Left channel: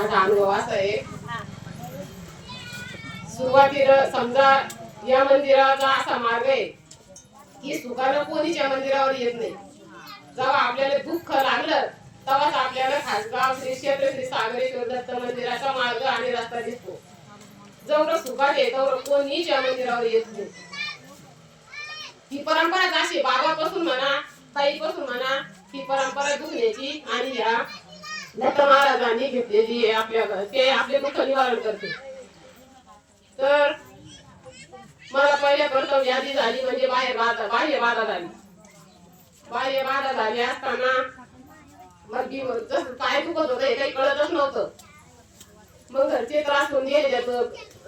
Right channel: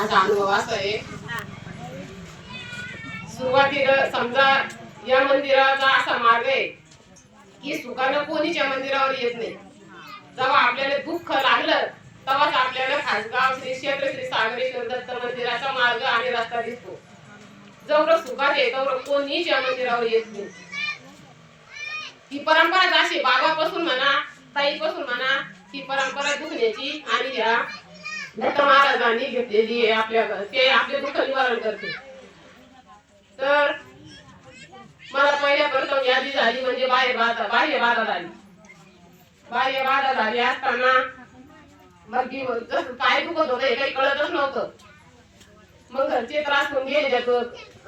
माझा अनुभव असा आहे, सुरुवातीला समजा या मंदिराचा असा मार्ग आहे की सुखानं कोणीच्या मंदिरावर येत नाही. जेव्हा आपल्याला दुःख लागलं तेव्हाच आपल्याला खासगाव श्री क्षेत्र श्री सागरेश्वर दत्त मंदिराचा मार्ग आणि रस्ता दिसतो. जेवढं सुखात आहे तेवढं कोणीच या मंदिरावर येत नाही. ही परंपरा अशी बाबापासून म्हणा ताईपासून म्हणा ही परंपरा दुखण्याची आणि या दत्त महाराजांनी घेतलेली आहे. आपल्या ते आपले दुःख निवारण करते. तर मला पहिल्या प्रथम यादी झाली म्हणजे बाह्य बाधा झाली. बाह्य बाधा झाली असताना मग काय दुखत होतं हे काही कळतच नव्हतं. मग घरचे त्रास होऊन गेले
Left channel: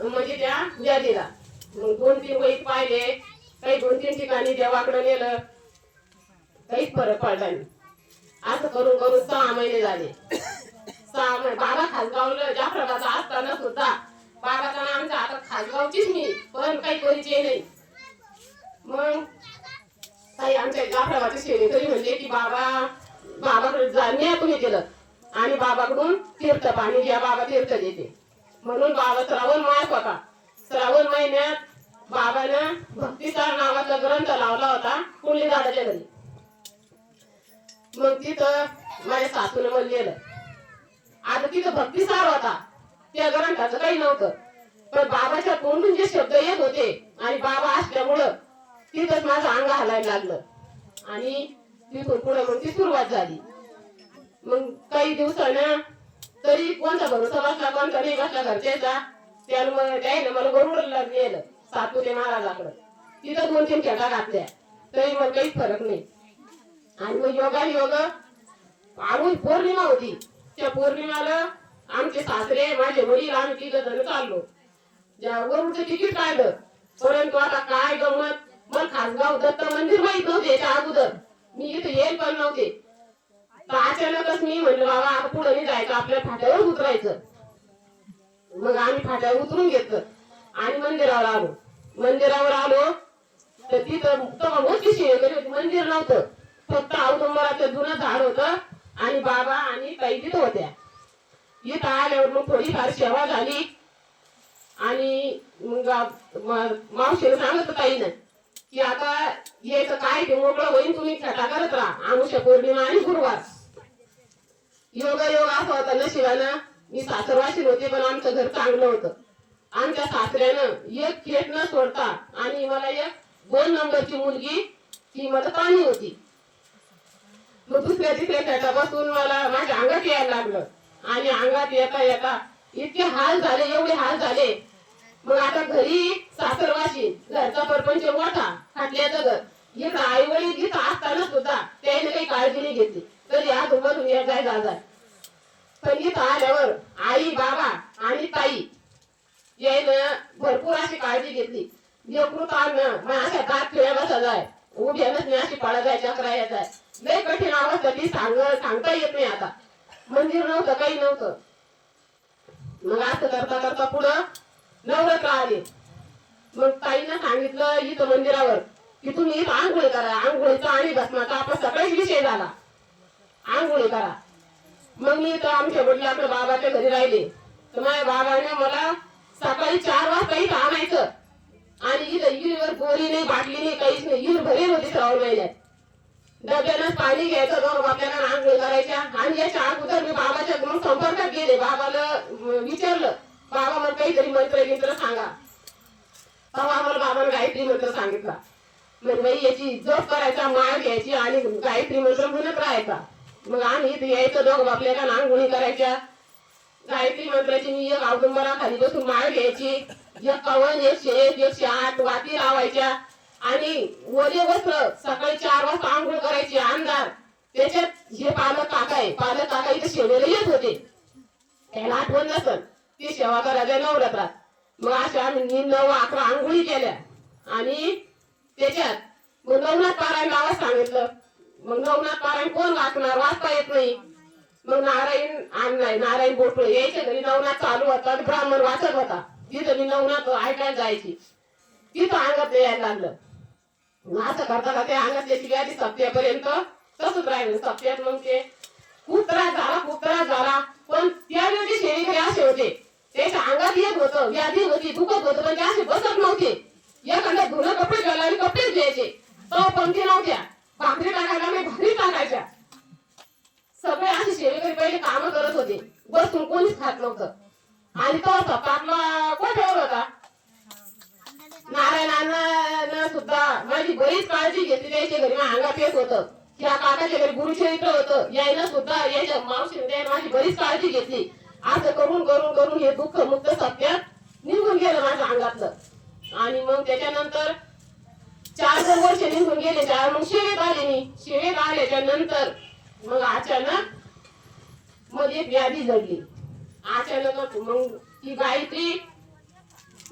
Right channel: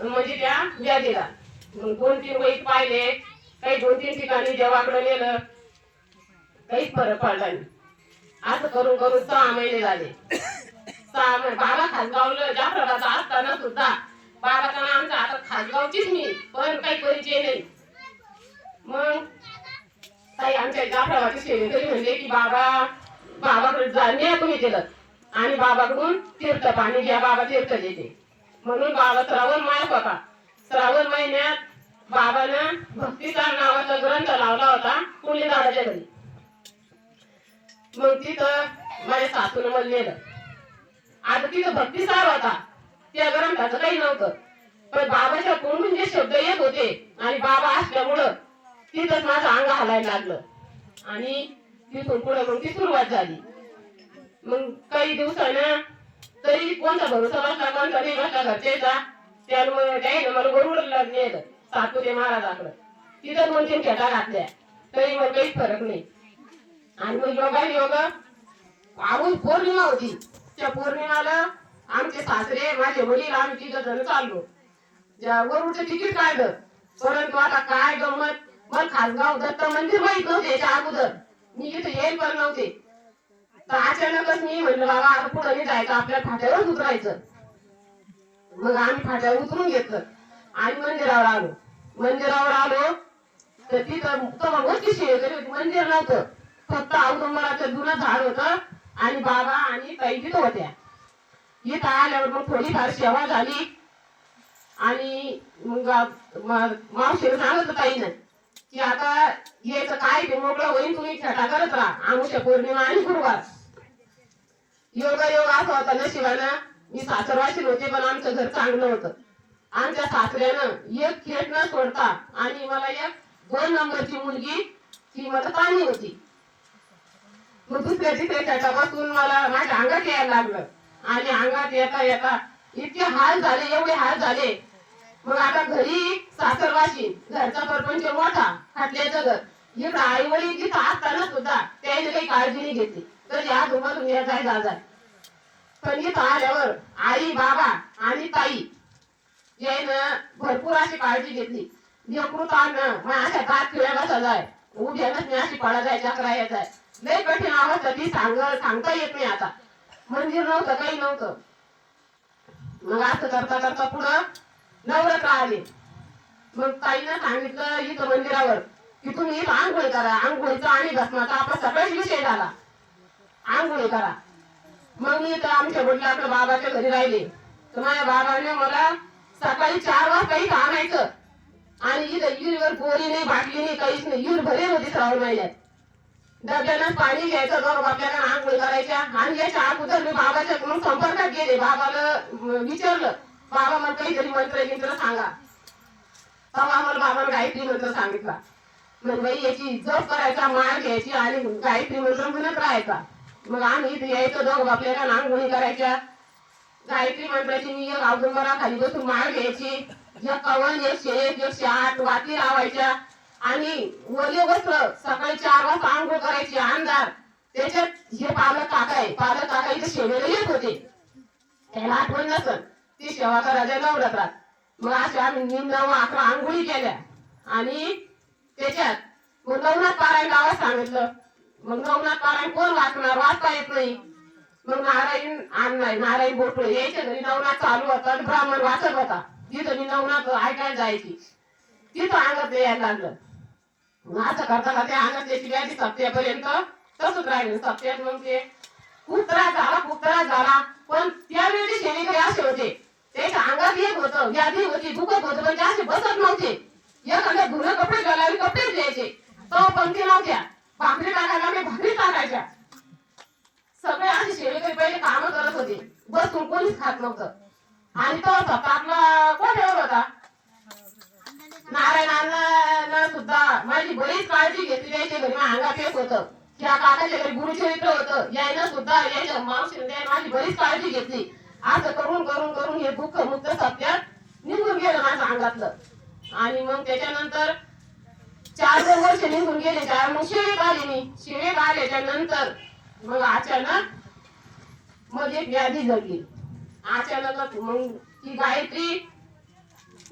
म्हणजे त्या व्याधीला. मग 2-3 वैद पाहिले, काही 2-3 ठिकाणी देवाकडे नेलं, काहीच फरक पडला नाही. असं करून करून 6 महिने झाले. 6 महिने बाबा खासगावला जाफराबाद असताना सुद्धा बाबाचं नाव आमचं आता खासगावचीच मी, पण काही परिचय नाही. मग काही आमच्या जाफराबादची सेवेकरी म्हणले की बाबाकडे जाणे तुम्ही केलं आणि बाबाकडून तीर्थ पाणी घ्या, बाबा तीर्थ देते. म्हणून बाबा श्रावण मास होता. श्रावण महिन्यात बाबानं भक्तिसार नावाचा ग्रंथ लावला होता कुंडली दादाच्या घरी. मग तिथं माझ्या सासून मला नेलं. आता तिथं भक्तिसार होता, त्या ग्रंथाचं काही नव्हतं, पण बाबाच्या तोंडून जे शब्द येत होते आणि बाबा असल्यामुळं तिथंच माझं अंग हलायला लागलं आणि तिथून पुढे मग ती सुरुवात झाली. मग काही दिवसानं तरी कोणता भरोसा बसला कोणता नाही बसला घरच्याचा, त्याने मला गरुडला नेलं सातपुते महाराजाकडं. तिथं 2-3 खेटा घातल्या तरी मला काहीच फरक नाही. आणि मग योग आऊन पौर्णिमा होती. त्या पौर्णिमाला आमचे सासरे माझे वडील आम्ही 3 जण चाललो. वरूडचं तिकीट काढलं, परंतु आता काय गंमत, मला खासगाव दत्त मंदिर माहित नव्हते. याच्या अगोदर मी इथे येईल पण नव्हते. तर अचानकच मी म्हणलं बाबा आता पुढे नाही जायचं, आपल्या फाट्यावर उतरायचं. मग आम्ही फाट्यावर उतरून घेतलं आणि मंदिरावर आलो तर तिथं मोठी सेवेकरी होती. मंदिर नव्हतं, फक्त औदुंबराचं जुनं झाड होतं आणि बाबा आणि ताई तिथं होत्या. इथं आल्यावर मग थोडीफार सेवा झाली आणि मग मावशीला सांगत ताईनं की आता यायचं काय ते मोकळं होईल, तुम्ही खेटा करत राहा आमुष्य पौर्णिमा आणि गुरुवार. योग असं होता नशिबानं मी सासरवाशील होते, पण आमचं घर चांगलं होतं. आमच्या सासऱ्यानं एक खेट न सोडता आणि मला एक 2 नंबरची मुलगी ती माझं पाणी होती. मग दुसऱ्या खेटापासून मला माझ्या अंगात यायला लागलं आणि अंगात येता येता इतके हाल झाले, एवढे हाल झाले. मग आता घरी सासरवाशी, घरचा परपंच मोठा, खाटल्याचं घर, इथं आई वडील इथं असताना सुद्धा त्याने काही काळजी नाही घेतली. तर या दोघं जाय. पण इथं आल्यावर आई बाबा आणि ताई यायनं भरपूर अशी काळजी घेतली. यकृतानं मग अशा दात खिळ्या बसा जाय, उभ्यानच मी अशी पडा जाय, चक्रा येत आहे. लय कठीण अवस्था ती सांगता येत नाही. आता मंदिर नव्हतं, काही नव्हतं. मग असं करता करता पुढं नवरात्र आले. मग ताईनं सांगितलं इथं मंदिरावर की तुम्ही इथं आंघोळी करा. आंघोळीचा आणि भस्माचा आपला सगळाच विषय झाला, आंघोळी करा. मग मी तर आमच्या वडिलांकडे बाबाच्या घरी राहिले. तर माझ्या बाबाने मला सकाळी 4 वाजता इथं आणायचं आणि इथं विहिरीवर बोरी नाही, बाटली नाही, काहीच नाही. विहीर भरेल होती श्रावण महिन्यात. डब्यानं पाणी घ्यायचं, मग आपल्याला आंघोळ करायच्या. आणि याच्या अगोदर मी बाबाच्या मग संपर्कात गेले. बाबाला विचारलं, बाबा मला काहीतरी मंत्र सांगा. तेव्हा आम्हाला बाबाने गायत्री मंत्र सांगितला. म्हणजे बाई याची जप करायचा, माळ घ्यायची आणि गायत्री मंत्र म्हणत राहायचा. मग आम्ही इथे यायचं, दोघं आपल्याला आंघोळी करायच्या. गायत्री मंत्राची मी एक औदुंबरा खाली बसून माळ घ्यायची. 51, 101, 108 वाती लावायच्या आणि ओले वस्त्र सकाळी 4 वाजता आंघोळ करायची. अंधार त्याच्यात हे पालक काका इथे शेवेला येत होते, त्याला आठवण नसल. ती सेवा करायच्या नवरात्रात. मग असे आम्ही 9-11 आंघोळी केल्या आणि त्याच्यात मग नवनाथ पारायण गावात सांगितलं. मग नवनाथ पारायण कोण वाचणार, वाचता येत नाही. मग नारायण बोटळे यायच्या घरी नवनाथ चालू होता, ब्राह्मण वाचत होता. तिथं मी नवनाथ ऐकायला जायची. तिथं अंगात यायला लागलं. मग असं करता का त्या अंगातल्याची व्याधी सप्त्यापर्यंत तसंच राहिलं. सप्त्यात मग ते खूप त्रास झाला. पण त्यावेळी बसून कोणीच खात नव्हतं. आणि तो स्वतः आपला कोठ्यावर होता. नारायणांना सुद्धा माझी बरीच काळजी घेतली. त्याच्या घरी अंगात येत होतं. त्या काकाच्या घरी गुरुचरित्र होतं. यायनं सुद्धा याच्या मावशीने माझी बरीच काळजी घेतली. असं करून करून करून हे दुःख मुक्त सत्यात निघून गेलं माझ्या अंगातलं. आणि मग त्याच्यानंतर 4 वर्ष निघून गेले. मग शिवेत आले मी. शिवेत आल्याच्या नंतर मग अचानक मध्ये एक व्याधी जडली. अचानक मग ती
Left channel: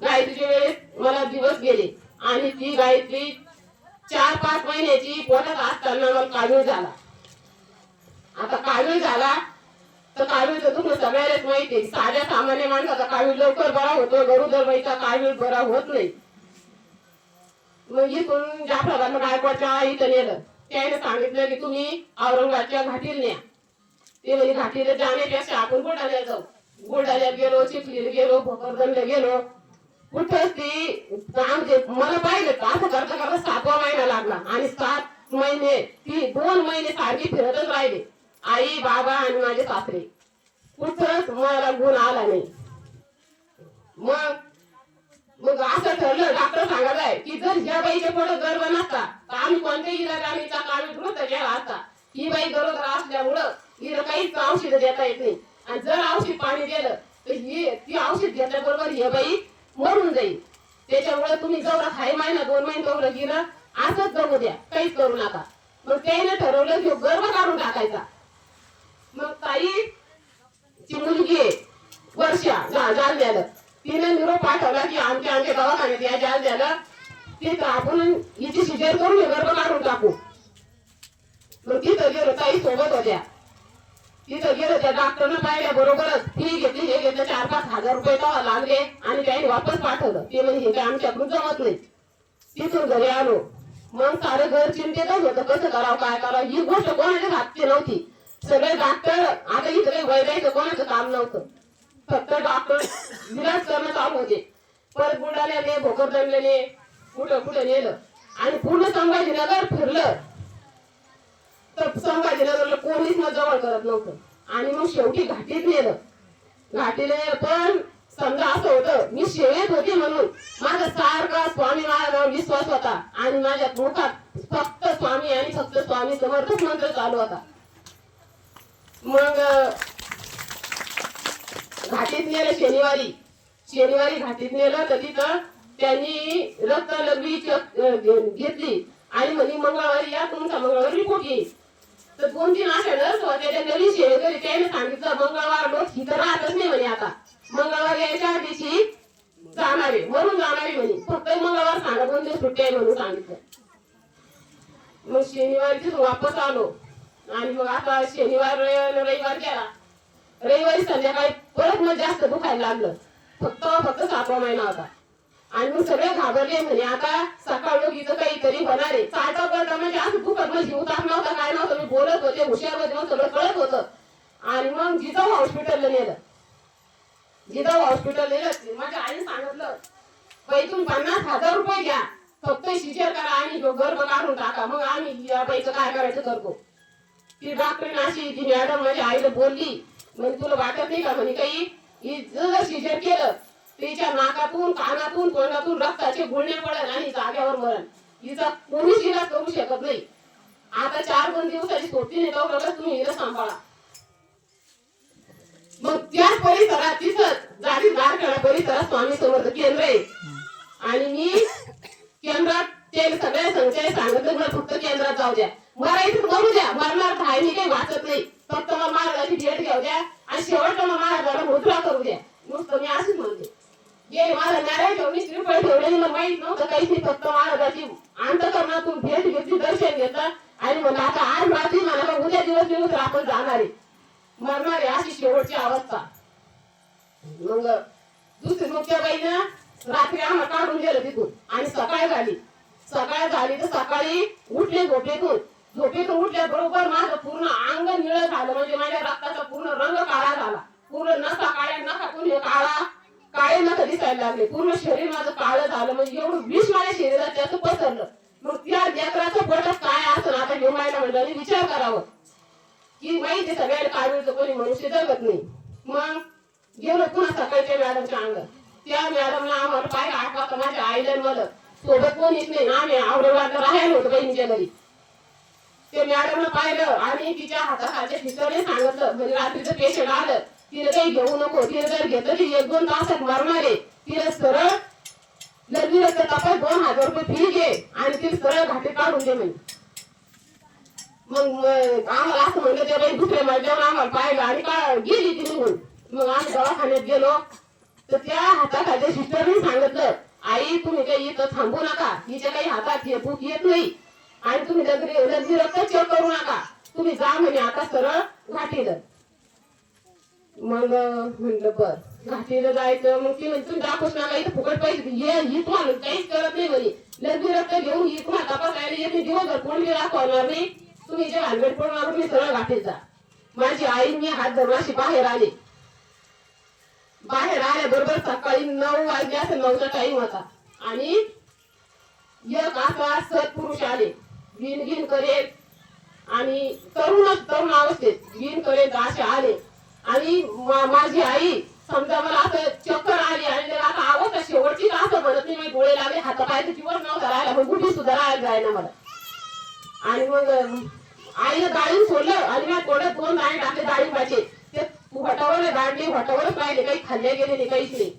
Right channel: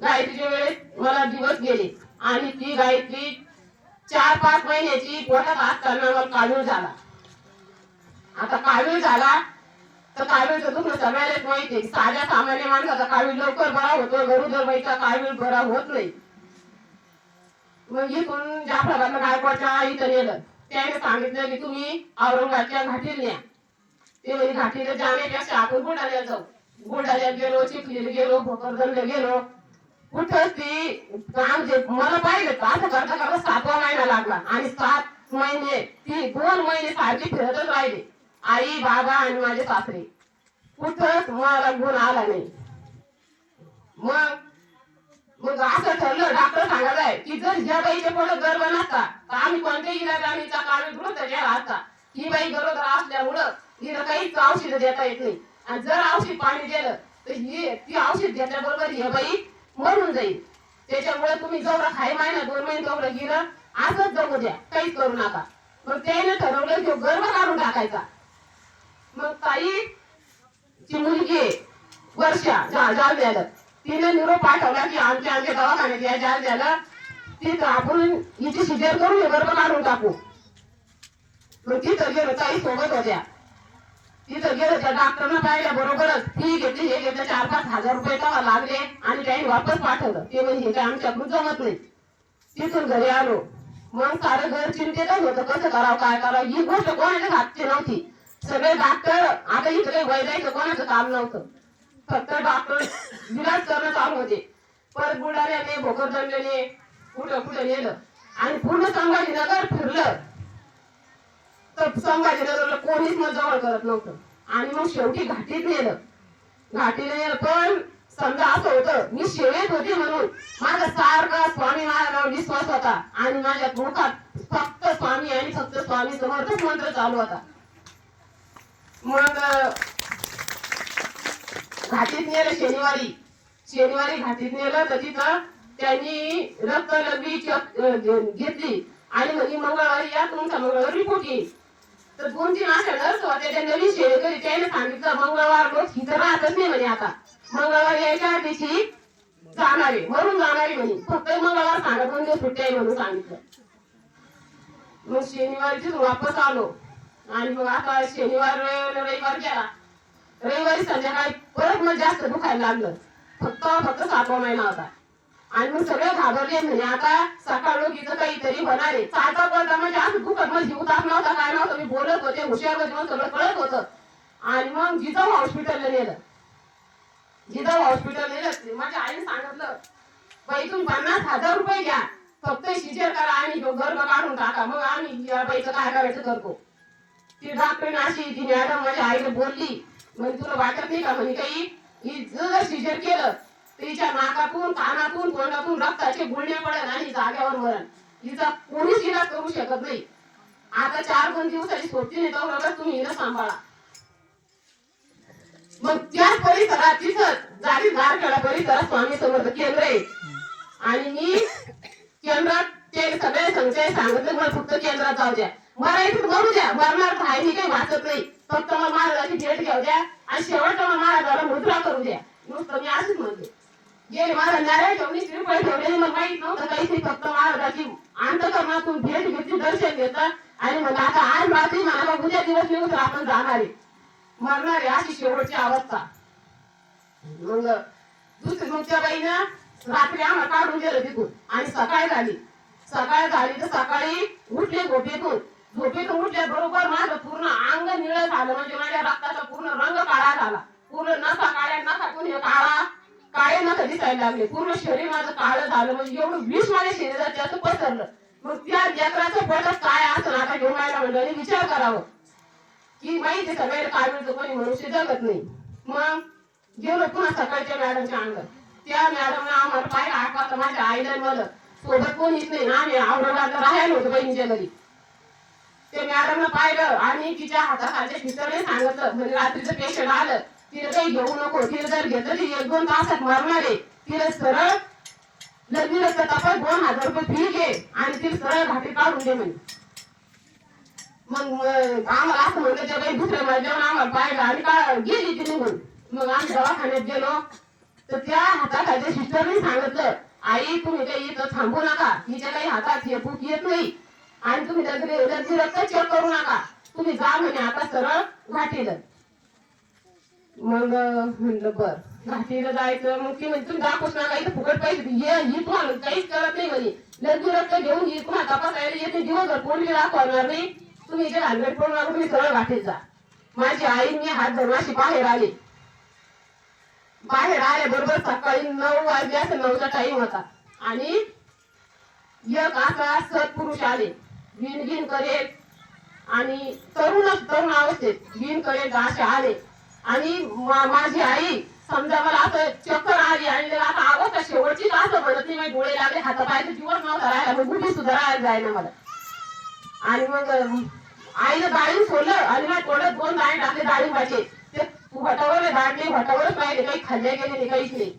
गायत्रीच्या वेळेस मला दिवस गेले. आणि ती गायत्री 4-5 महिन्याची पोटात असताना मला कावीळ झाला. आता कावीळ झाला तर कावीळचं दुखणं सगळ्यालाच माहिती. साध्या सामान्य माणसाचा कावीळ लवकर बरा होतो, गरोदर बाईचा कावीळ बरा होत नाही. मग इथून जाफराबादला गायकवाडच्या इथं नेलं. त्याने सांगितलं की तुम्ही औरंगाबादच्या घाटीला न्या. ते म्हणजे घाटीला जाण्यापेक्षा आपण बुलढाण्याला जाऊ. बुलढाण्यात गेलो, चिखलीला गेलो, भोकरदनला गेलो. कुठंच ती काम जे मला पाहिजे असं करता करता 7वा महिना लागला. आणि 7 महिने ती 2 महिने सारखी फिरतच राहिले. आई, बाबा आणि माझे सासरे. कुठंच मला गुण आला नाही. मग असं ठरलं, डॉक्टर सांगत आहे की जर ह्या बाईच्या पुढे गर्भ नसता तर आम्ही कोणत्याही इलाजाने काळजी द्रुत केला असता. ही बाई गरोदर असल्यामुळं हिला काहीच औषध देता येत नाही. आणि जर औषध पाणी दिलं तर ती औषध घेतल्याबरोबर ही बाई मरून जाईल. त्याच्यामुळे तुम्ही जेवढा 6 महिना 2 महिने तेवढं गेलं असंच जगू द्या, काहीच करू नका. मग त्याने ठरवलं की गर्भ काढून टाकायचा. मग ताई ती मुलगी वर्षा जालन्याला तिने निरोप पाठवला की आमच्या दवाखान्यात या जालन्याला तिथं आपण हिची सिजर करून गर्भ काढून टाकू. मग तिथं गेलो, ताई सोबत होत्या. तिथं गेलं, त्या डॉक्टरनं पाहिल्या बरोबरच फी घेतली. हे घेतलं 4-5 हजार रुपये तेव्हा लागले. आणि त्यांनी वापस पाठवलं. ते म्हणजे हे काय आमच्याकडून जमत नाही. तिथून घरी आलो. मग सारं घर चिंतेतच होतं, कसं करावं काय करावं. ही गोष्ट कोणाच्या हातची नव्हती. सगळे डॉक्टर आता इकडे वैद्याचं कोणाचं काम नव्हतं. फक्त डॉक्टर विलाज करणं चालू होते. परत बुलढाण्याने, भोकरदनने, कुठं नेलं. आणि पूर्ण संभाजीनगर फिरलं तर संभाजीनगरला कोणीच मग जवळ करत नव्हतं. आणि मग शेवटी घाटीत नेलं. पण समजा असं होतं, मी शेवेत होते म्हणून माझा सारखा स्वामी महाराजांवर विश्वास होता. आणि माझ्या मुखात फक्त स्वामी आणि फक्त स्वामी समर्थच मंत्र चालू होता. मग घाटीत नेलं शनिवारी घाटीत नेलं तर तिथं त्यांनी रक्त लगवी घेतली. आणि म्हणे मंगळवारी या, तुमचा मंगळवारी रिपोर्ट येईल. तर 2-3 अशा नर्स होत्या, त्या नवीन शेवेकरी. त्याने सांगितलं मंगळवार लोक इथं राहतच नाही म्हणे. आता मंगळवार यायच्या दिवशी जाणारे म्हणून जाणारे म्हणे. फक्त मंगळवार सांगा 2 दिवस सुट्टी आहे म्हणून सांगितलं. मग शनिवारीच वापस आलो. आणि मग आता शनिवार रविवार गेला. रविवारी संध्याकाळी परत मग जास्त दुखायला लागलं. फक्त 7वा महिना होता. आणि मग सगळे घाबरले. म्हणे आता सकाळ लोक इथं काहीतरी होणार आहे. चालता पडता म्हणजे असं दुखत म्हणजे उतार नव्हता, काय नव्हतं. मी बोलत होते, हुशार होते, मग सगळं कळत होतं. आणि मग जिजाऊ हॉस्पिटलला नेलं. माझ्या आईने सांगितलं, बाई तुम्ही 50,000 रुपये घ्या, फक्त सिजर करा आणि गर्भ काढून टाका, मग आम्ही या बाईचं काय करायचं करतो. ती डॉक्टरने अशी ती मॅडम माझ्या आईला बोलली, म्हणजे तुला वाटत नाही का म्हणे काही, जर सिजर केलं तिच्या नाकातून, कानातून, तोंडातून रक्ताचे गुळणे पडेल आणि जाग्यावर मरण. हिचा कोणीच इलाज करू शकत नाही. आता 4-5 दिवसाची सोबती नेता वगैरे तुम्ही हिला सांभाळा. मग त्याच परिसरात तिथं गारखेडा परिसरात स्वामी समर्थ केंद्र आहे. आणि मी केंद्रात ते सगळे संचय सांगितले, मला फक्त केंद्रात जाऊ द्या, मरायचं करू द्या, मरणार काय मी काही वाचत नाही, फक्त मला महाराजाची भेट घेऊ द्या आणि शेवटला महाराजाला मुद्रा करू द्या. नुसतं मी असंच म्हणते. गेले महाराज नारायण ठेवणी, श्रीफळ ठेवले, मला माहित नव्हतं काहीच नाही. फक्त महाराजाची अंतकरणातून भेट घेतली, दर्शन घेतलं. आणि मला आता आज रात्री मला उद्या दिवस निघून आपण जाणार आहे, मरणार आहे, अशी शेवटची अवस्था. मग मग त्या बाईनं रात्री आम्हाला काढून गेलं तिथून. आणि सकाळ झाली तर सकाळी उठले झोपेतून उठल्या बरोबर माझं पूर्ण अंग निळं झालं. म्हणजे माझ्या रक्ताचा पूर्ण रंग काळा झाला. पूर्ण नसा काळ्या, नसातून काळे नख दिसायला लागले. पूर्ण शरीर माझं काळं झालं. म्हणजे एवढं विष माझ्या शरीरात त्याचं पसरलं. मग त्या लेकराचं पोटात काय असं आता घेऊन मायला म्हणजे विचार करावं की माहिती सगळ्याला काढूचं कोणी मनुष्य जगत नाही. मग गेलो पुन्हा सकाळच्या मॅडमच्या अंगात. त्या मॅडमने आम्हाला पाहिलं 8 वाजता माझ्या आईला मला सोबत कोणीच नाही ना, आम्ही औरंगाबादला राहायला होतो बहिणीच्या घरी. ते मॅडमनं पाहिलं आणि तिच्या हाताखालच्या सिस्टरने सांगितलं म्हणजे रात्रीचं पेशंट आलं तिला काही घेऊ नको, तिला जर घेतलं ती 1-2 तासात मरणार आहे, तिला सरळ लगेच तपास 2000 रुपये फी घे आणि तिला सरळ घाटी काढून दे म्हणे. मग आम्हाला असं म्हणलं ते बाई दुसऱ्या मजल्यावर आम्हाला पाहिलं आणि का गेली ती निघून. मग आम्ही दवाखान्यात गेलो तर त्या हाताखालच्या सिस्टरने सांगितलं आई तुम्ही काही इथं थांबू नका, हिच्या काही हातात हे भूक येत नाही आणि तुम्ही लगेच रक्त चेक करू नका, तुम्ही जा म्हणे आता सरळ घाटीला. मग म्हणलं बर घाटीला जायचं. मग ती म्हणजे तुम्ही दाखवूच नका इथं फुकट पैसे ही तुम्हाला काहीच करत नाही म्हणे, लगेच रक्त घेऊन ही तुम्हाला तपासायला येते दिवसभर कोणी दाखवणार नाही, तुम्ही जे हॅल्मेट पडून नका तुम्ही सरळ घाटीत जा. माझी आई मी हात धरून अशी बाहेर आले. बाहेर आले बरोबर सकाळी 9 वाजले असं 9चा टाइम होता आणि एक असा सत्पुरुष आले विण करेल आणि तरुण अवस्थेत विण करेल असे आले आणि माझी आई समजा मला असं चक्कर आली आणि आता अवस्था शेवटची असं म्हणत नाही, माझे डोळे लागले हातापायचे दिवस नव्हता राहायला, मग गुढी सुद्धा राहायला जायला मला. आणि मग आईनं डाळिंब सोडलं आणि माझ्या तोंडात 2 दाणे टाकले डाळिंबाचे, ते भटावर दाडले भटावरच राहिले, काही खाल्ले गेले नाही काहीच नाही.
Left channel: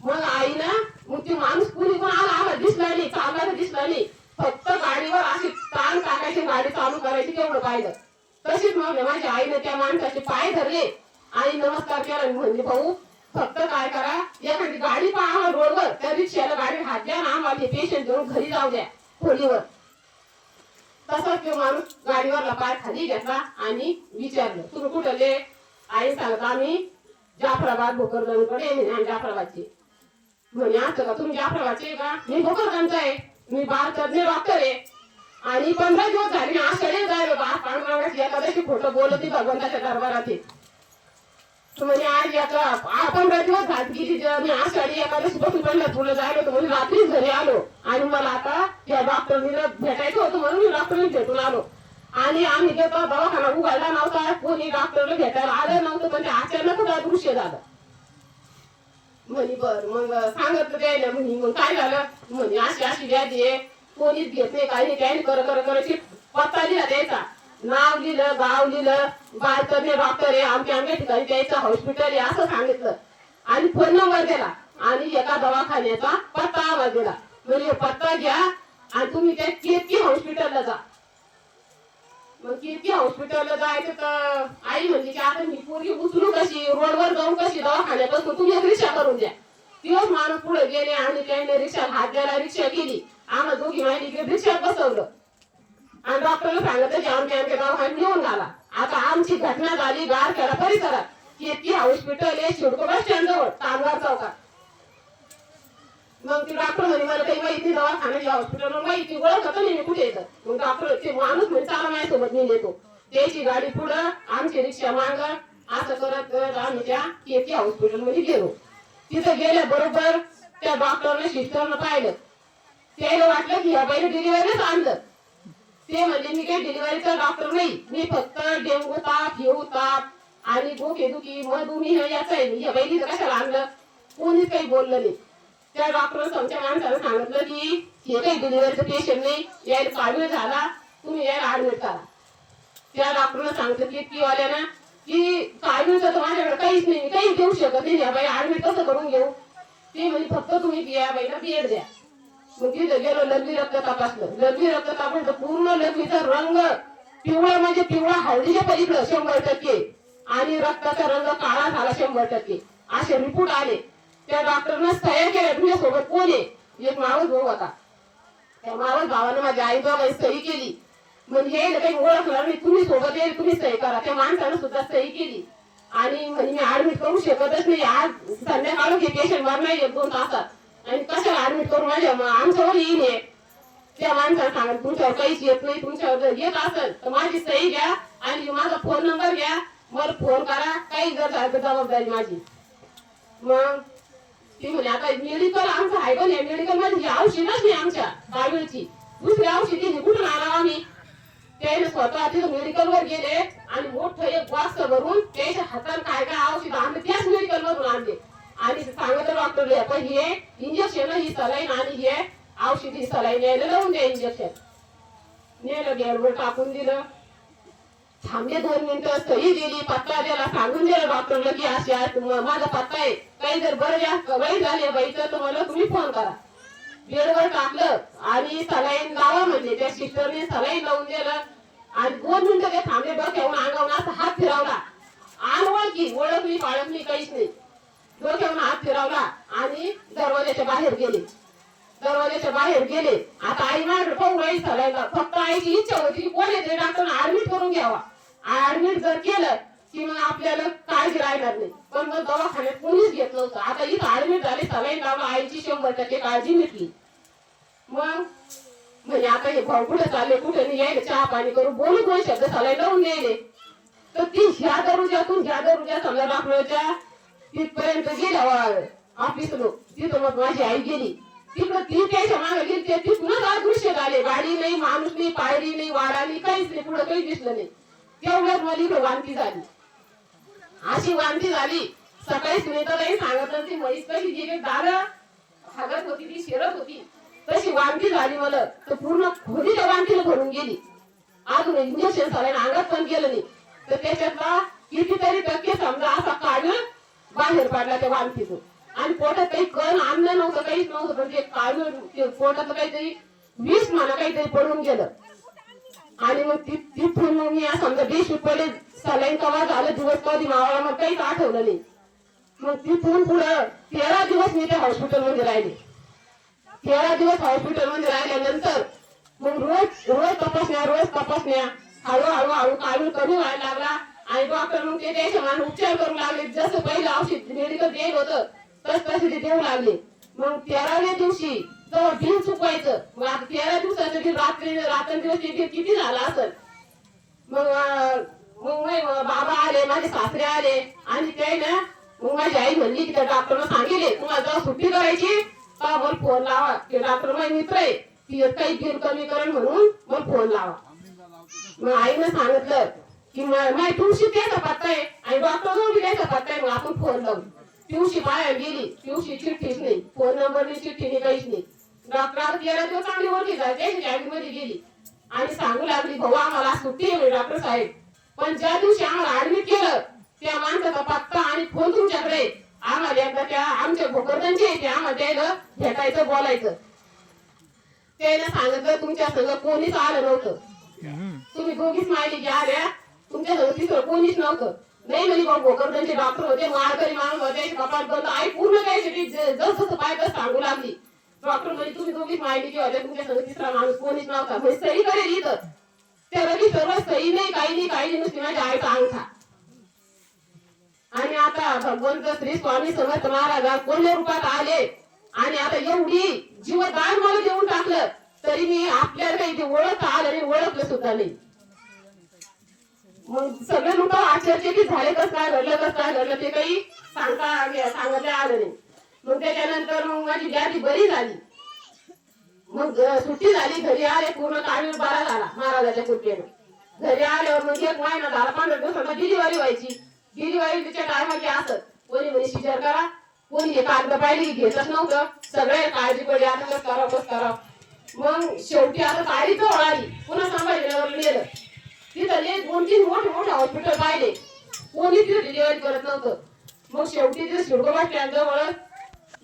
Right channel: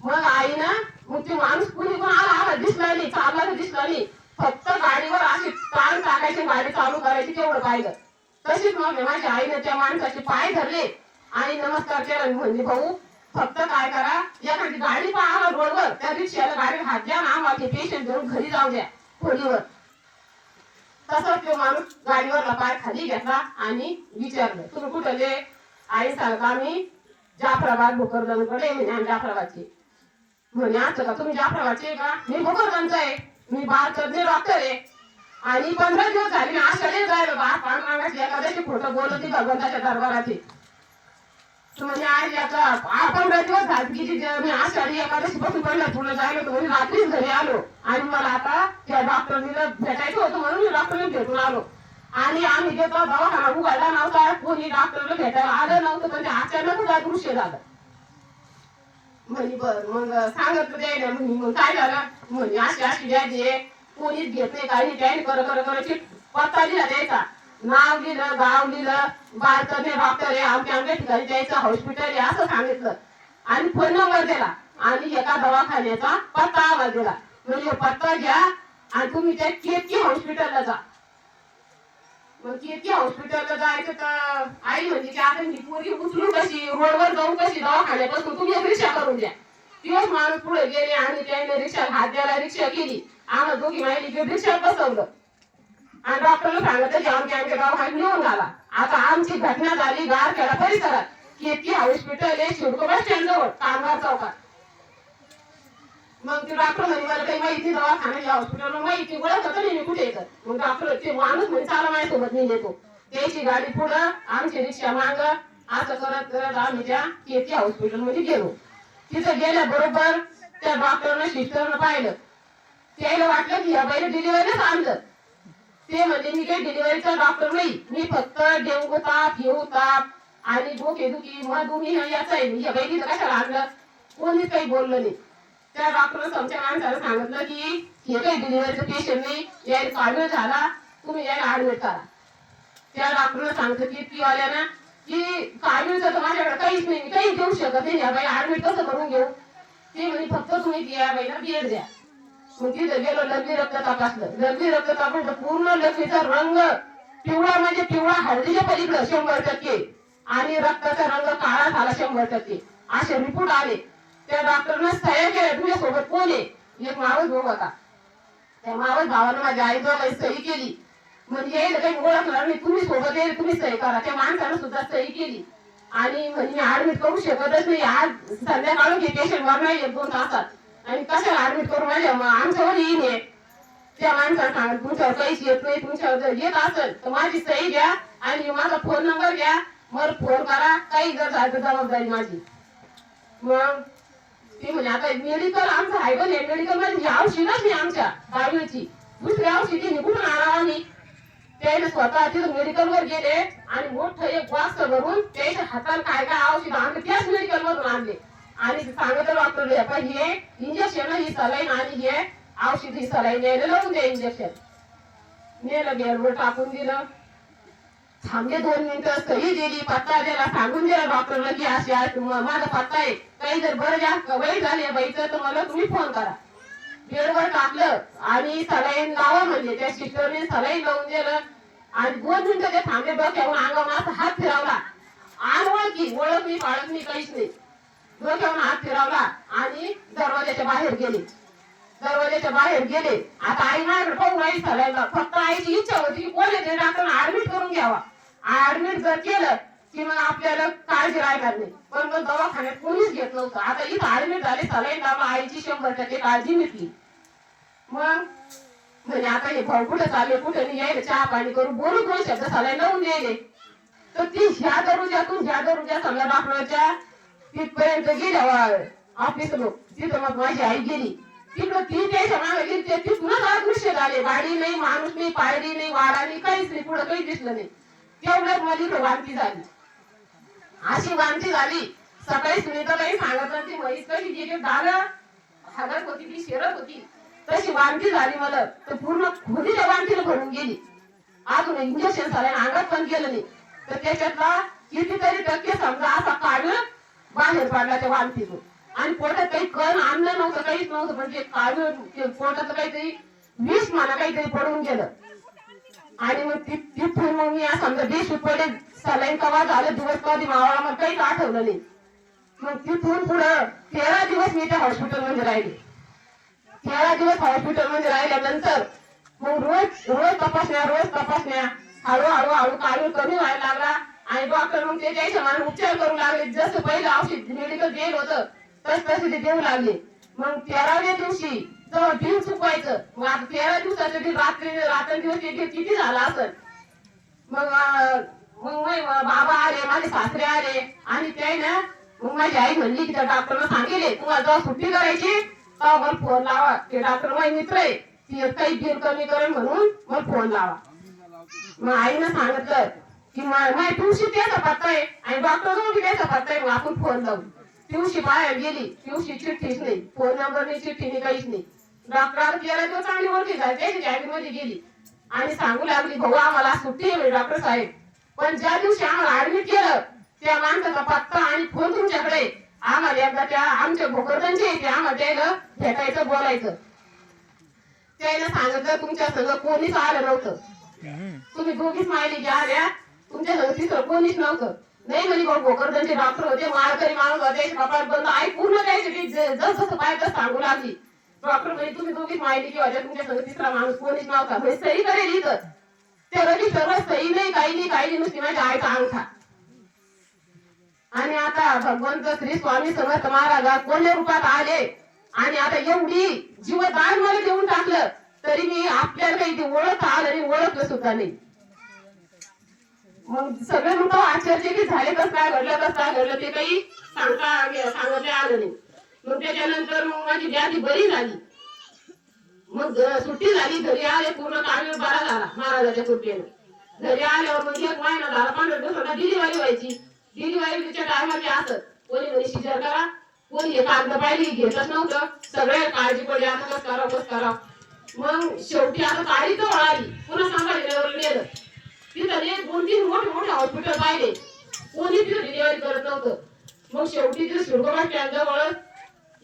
मग आईनं मग ते माणूस कुणी पण आला दिसला नाही, चालला दिसला नाही, फक्त गाडीवर अशी ताण टाकायची गाडी चालू करायची तेवढं पाहिलं. तशीच मग माझ्या आईने त्या माणसाचे पाय धरले आणि नमस्कार केला. म्हणजे भाऊ फक्त काय करा एखादी गाडी पहा रोडवर त्या रिक्षाला गाडी हात द्या ना आम्हाला पेशंट घेऊन घरी जाऊ द्या खोलीवर. तसाच तो माणूस गाडीवरला पाय खाली घेतला आणि विचारलं तुम्ही कुठले. आई सांगत आम्ही जाफराबाद भोकरदनकडे आम्ही जाफराबादचे. म्हणे असं का तुम्ही जाफराबादचे का, मी भोकरदनचा आहे, मी बाळ तज्ञ डॉक्टर आहे आणि 15 दिवस झाले मी आषाढी जायला बाळ पांडुरंगाची एखाद्याची खोटं बोलत भगवंताच्या दरबाराची. म्हणजे आज याचा 15 दिवस झाली मी आषाढी एखाद्याशी बसून पंढरपूरला जायला होतो म्हणजे रात्रीच घरी आलो आणि मला आता त्या डॉक्टरनीला भेटायचं होतं म्हणून मी डॉक्टरने भेटून आलो आणि आम्ही गेलो दवाखाना उघडला नव्हता, कोणी डॉक्टरला भेटायला आलं नव्हतं, पण ते अचानक दृश्य झालं. म्हणे बर मग सांगत द्यायला म्हणे मग काय झालं म्हणे अशी व्याधी आहे कोणीच घेत नाही काही त्याने कर पत्ता लिहिला द्यायचा, नाव लिहिलं गाव लिहिलं बाळतज्ञ डॉक्टर आहे आमच्या ठिकाणी द्यायचं हॉस्पिटल आहे असं सांगितलं आणि फोन नंबर दिला आणि एका दवाखान्याचा पत्ता आवाज दिला. म्हणजे पत्ता घ्या आणि तुम्ही त्या केतकी हॉस्पिटलला जा. मग केतकी हॉस्पिटलला जायचं तर आई म्हणजे की आता मी पोरी उचलू कशी रोडवर जाऊन कशी दवाखान्यापासून तुम्ही रिक्षा करून द्या. दिवस माणूस पुढे गेले आणि त्याने रिक्षा हात द्यायला रिक्षा केली, आम्हाला दोघी माहिती रिक्षात बसवलं आणि डॉक्टरला सांगितलं की आमच्या दवाखान्यात नेऊन घाला. आता आमची घटना झाली गारखेडा परिसरात केतकी हॉस्पिटल आहे शिडको बस स्टँड जवळ कामगार चौकात. मग ते डॉक्टर म्हणे मला काही माहिती दवाखान्याच्या हॉस्पिटल माहिती ओळख होतं नाही मी कुठे येतं. मग डॉक्टर ते माणूस म्हणजे चाला माझ्यासोबत मी नेतो त्याची गाडी पुढं आमची रिक्षा माग असं करत करत आम्ही त्या केतकी हॉस्पिटल मध्ये गेलो. तिथं गेल्या बरोबर त्या डॉक्टरने सिस्टरनं पाहिलं, त्याला वाटलं की ह्या बाईने डिलिव्हरीच आणलं. ते म्हणजे मी काही डिलिव्हरीचा डॉक्टर नाही, मी फक्त डेंगू ताप हिऊ ताप आणि डोकेदुखी मधुमेह याचा आहे. ह्या बाईने कशाला आणलं कोणीच काही बोललं नाही. त्या डॉक्टरने आमच्या माणसाला सांगितलं की हे काही डिलिव्हरीचं पेशंट नाही, यायला काढून झाला तुम्ही यायला ऍडमिट करा. त्या डॉक्टरने सांगितलं की वाल्याना की काढूनचं तर माझ्याकडे काहीच नाही, काही देऊ शकत नाही, या बाई ऍडमिट कसं करून घेऊ. ते म्हणजे फक्त तुम्ही या बाईला बेड द्या. मग तिथं गेलो लघवी रक्त तपासलं, लघवी रक्त तपासलं पूर्ण लघवीचा रंग पिवळा म्हणजे पिवळा हळदीच्या पलीकडं 100% आणि रक्ताचा रंग काळा झाला 100%. असे रिपोर्ट आले. त्या डॉक्टरनं सह्या केल्या. तुझ्या सोबत कोण आहे, एक मावस भाऊ होता, त्या मावस भावाने माझ्या आईजवळ सही केली. म्हणजे यायला काही ओळखणार नाही, तुम्ही सोबत येईल तुम्ही सही करा. त्या माणसानं सुद्धा सही केली आणि म्हणजे मी ऍडमिट करू शकतच नाही, आज संध्याकाळून हे पेशंट मरणार 1-2 तासात आणि कशाला ऍडमिट करू माझ्या आमच्यावर येईल. त्या माणसाला सांगा तुमच्यावर काहीच येत नाही, तुमच्यावर जर येत असेल तर माझी सही घ्या आणि माझा फोन नंबर घ्या, मला फोन करा, काही जर झालं तर जबाबदारी माझी. मग ती म्हणे आता मेडिकल आमचं आहे पण मेडिकल मध्ये औषधच नाही आमच्या बाळवीची, दुसरी औषधी कुठून आणावं आम्ही. त्याने स्वतः तिथं मेडिकलवर गेले आणि मोठं एक बॉक्स भरून त्याच्या हाताला काय काय औषध आणले त्याच मेडिकल मधून आणले आणि सांगितलं डॉक्टरने पण हे इंजेक्शन ही सलाईन आणि हे औषध ही सलाईन यायला लावून द्या इंजेक्शन नेलं गेअरवर टाकून दिलं थांबले 2 मिनिटं सही दिली पत्ता दिला सांगून दिला डॉक्टरला की अशी आज माझा पत्ता आहे काही जर बरं जास्त वय झाले बाईचं तर मला तुम्ही फोन करा बेडवर टाकलं आणि सलाईन लावा म्हणजे त्या सिस्टरने सलाईन लावून दिलं आणि 2 मिनिटं ते थांबले डोक्यावरून अंगावरून असा हात फिरवला ओळखली पाळखली काहीच नाही डोक्यावरून हात फिरवला आणि दरवाजाच्या बाहेर गेले आता आई माझ्याकडे पाहू राहील सलाईनला फक्त आईची इच्छा होती की कोण येते डॉक्टरने ऍडमिट करून घ्यावा ऍडमिट जर केलं की मग आपल्याला काळजी राहणार नाही पण मग दवाखान्यात कोणीच घेत नव्हतं आता इथं ऍडमिट झाले सलाईन लावला आईची 100% काळजी मिटली मग म्हणजे आता हे भाऊ कुठे चालले कुठे नाही यायला चहा पाणी करून बोलून 2 शब्द सलाईन लावून यायले तर ती ह्या दरुजा समजा डॉक्टरच्या तिथपर्यंत गेल्या ऑफिस लोक तिथं मग माझी आई गेली तिकडं ती त्याच्या मागे गेली तिथूनच अदृश्य झाले गाडी नाही माणूस नाही पायरी नाही वाडा नाही काहीच नाही पुढं काही दिसलं नाही तेवढ्यात मला इकडे वांती झाली अशी वांती झाली सकाळी सुनीतालाही सांगत ती म्हैस कशी जी दार हगत होती ती शिरत होती तशी वांती झाली मला तर पूर्ण खोली त्या वांतीला भरून गेली अजून इंजेक्शन सलाईन अंगात पण गेलं नाही तर त्याच्यातला कितीतरी टक्के समजा असा काढ बाहेर पडला त्या वांतीतून आणि पोटात काही कण अन्न नव्हतं काहीच नव्हतं पण ते काढून पोटात काहीतरी विष म्हणा काहीतरी पडून गेलं आणि मग तिथून मग मी समजा डिश पडले सलाईन कवा झालं दिवस कधी मावाला मग काहीच आठवलं नाही मग तिथून पुढं 13 दिवस मी त्या हॉस्पिटलमध्ये राहिले 13 दिवस हॉस्पिटलमध्ये राहिल्यानंतर मग रोज तपासण्या हळूहळू काढून कमी व्हायला लागला आणि डॉक्टर मग ते त्याच्या मान उपचार करू लागले जसं पहिलं औषध मेडिकल देत होतं तसे ते देऊ लागले मग 13व्या दिवशी जवळ बिल चुकवायचं मग आता 13 दिवसाचं रात्रंदिवस किती झाला असं मग बाबा आले माझे सासरे आले आणि ते ना मग माझी आई म्हणली की त्या डॉक्टरला सांगितले तुम्हाला जेव्हा सुट्टी करायची तेव्हा मला फोन लावा ते डॉक्टर माझे मित्र आहे की काही बिल कमी करेल म्हणून मला फोन लावा मग आईनं सांगितलं की माझी तुळशी त्याचा पत्ता आहे आणि डॉक्टर जवळ त्याचा पत्ता आहे मग आपण फोन लावू पिवशी बाहेर गेली पिवशी चिठ्ठीच नाही फोन नंबर नाही चिठ्ठी नाही काहीच नाही डॉक्टर 13 दिवस चांगली ओळखी झाली कॅबिनमध्ये गेली आणि सांगू लागली भाऊ आम्हाला सुट्टी आहे डॉक्टर साहेब पण ज्या दिवशी आम्हाला ऍडमिट केलं त्या माणसाचा पत्ता आणि फोन तुमच्याकडे आम्हाला एकदा त्या आमच्या भोकरदनचे ते आम्हाला त्याला भेटायचं बोलायचं त्याने सांगितलं तुमच्या संग कोणीच आलं नव्हतं तुम्ही दोघीच माहिती घ्या आल्या तुमच्या संग तिसरं कोणीच नव्हतं नाही म्हणे भाऊ भोकरदनचे डॉक्टर होते माळकरी माणूस होते कपाट बंद आई पूर्ण द्यायची जसं पाहिजे सांगू लागली डॉक्टर म्हणजे तुम्ही दोघीच माहिती की होत्या तुमच्या संग तिसरा माणूस कोणीच नव्हता हे सही करेल इथं त्या रजिस्टरवर सही नाही काही नाही नुसती माझ्या आईचा अंगठा आणि आता भगवंत श्री स्वामी समर्थ महाराज कोण्या रूपात आले आणि आता एवढी जीवदान मला देऊन टाकलं तरी मी आपल्याला काही ते ओळखता आलं आणि ओळखलं सुद्धा नाही मग सगळे लोक आश्चर्यचकित झाले कसं काय घडलं ते काही सांगता आलं नाही मग त्याच्यानंतर मग माझी व्याधी बरी झाली मग सुट्टी झाली घरी आले पूर्ण काळ बरा झाला महाराजाच्या कृपेने घरी आल्यावर मग 1 महिना झाला 15 दिवसांना डिलिव्हरी व्हायची डिलिव्हरीच्या टायमाची असत कोणी म्हणे सिजर करा कोणी हे कागद पाहिली घेतच नव्हतं सगळे काळजी पडली आता बस करा मग शेवटी आता तारीख वळाली पुन्हा संभाजीनगरला नेलं तिथं 2-3 मोठे हॉस्पिटल पाहिले कोणी ती डिलिव्हरी करत नव्हतं मग शेवटी तिथे सुरगोबा जवळ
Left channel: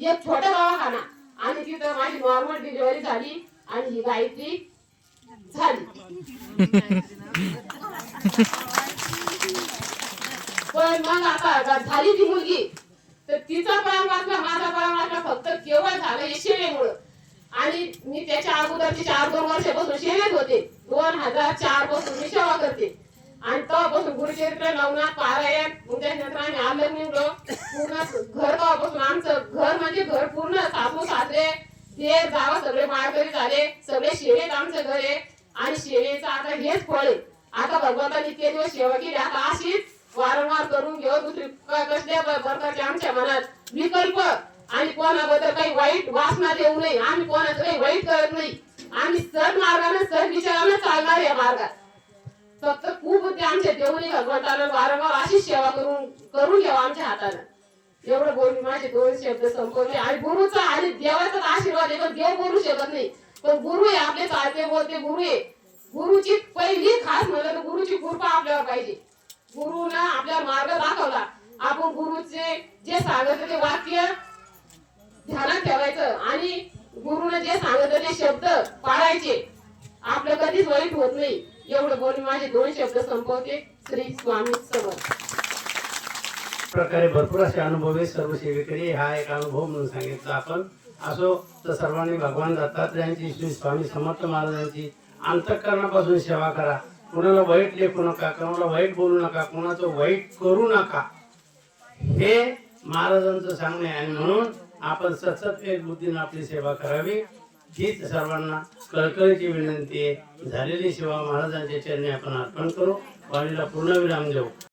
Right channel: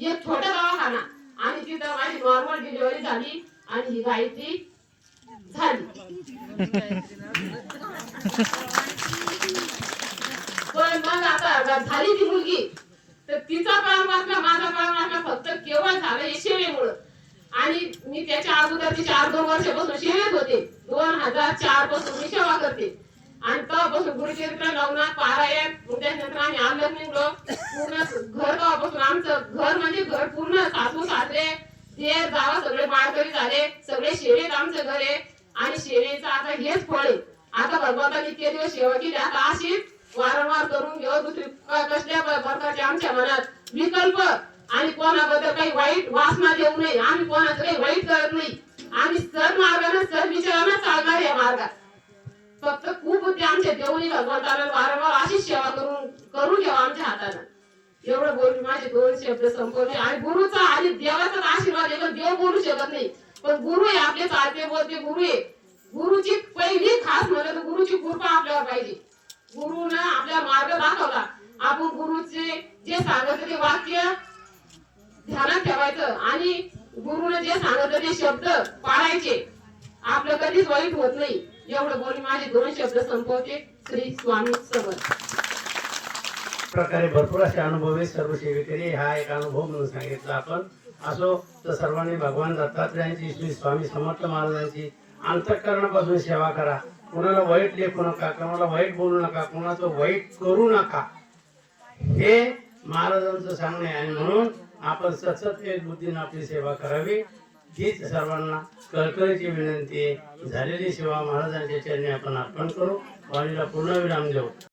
एक छोटा दवाखाना आणि तिथं माझी नॉर्मल डिलिव्हरी झाली आणि ही गायत्री झाली पण मग आता झाली ती मुलगी तर तिचा काळ वाचला माझा काळ वाचला फक्त केव्हा झालं हे शेळेमुळं आणि मी त्याच्या अगोदरचे 4-2 वर्षापासून शेळेत होते 2004 पासून मी सेवा करते आणि तेव्हापासून गुरुचरित्र नवनाथ पारायण त्याच्यानंतर आम्ही आलं निघलो पूर्ण घर तेव्हापासून आमचं घर म्हणजे घर पूर्ण सासू सासरे देर जावा सगळे माळकरी झाले सगळे शेळेत आमचं घर आहे आणि शेळेचं आता हेच फळ आहे आता भगवंताने इतके दिवस सेवा केली आता अशीच वारंवार करून घेऊ दुसरी कसल्या प्रकारच्या आमच्या मनात विकल्प आणि कोणाबद्दल काही वाईट वासना देऊ नये आम्ही कोणाचं काही वाईट करत नाही आम्ही सर मार्गाने सर विचारानं चालणार या मार्गात फक्त खूप ते आमच्या देवणी भगवंताला वारंवार अशीच सेवा करून घ्यावा आमच्या हातानं. एवढं बोलून माझे 2 शब्द संपवले. आणि गुरुचा आणि देवाचा आशीर्वाद आहे, पण देव बोलू शकत नाही, पण गुरु आहे आपले चालते बोलते गुरु आहे. गुरुची पहिली खास म्हणलं तर गुरुची कृपा आपल्यावर पाहिजे. गुरुनं आपल्याला मार्ग दाखवला. आपण गुरुचे जे सांगत ते वाक्य ध्यानात ठेवायचं आणि गुरुने जे सांगत ते शब्द पाळायचे. आपलं कधीच वाईट होत नाही. एवढं बोलून माझे 2 शब्द संपवते. श्री स्वामी समर्थ. प्रकारे भरपूर असे अनुभव आहे सर्व सेवेकरी. हा एक अनुभव म्हणून सांगितला आपण. असो तर सर्वांनी भगवान दत्तात्रयांची, श्री स्वामी समर्थ महाराजांची अंतःकरणापासून सेवा करा. कोणाला वाईट लेखू नका, कोणाला वाईट बोलू नका, कोणाचं वाईट करू नका, हे महाराजांचं सांगणे आहे. आणि म्हणून आपण सतत एक बुद्धीने आपली सेवा करावी हीच सर्वांना कळकळीची विनंती आहे. झालेली सेवा महाराजांच्या चरणी आपण अर्पण करू. वाणीला पूर्ण विराम देऊ.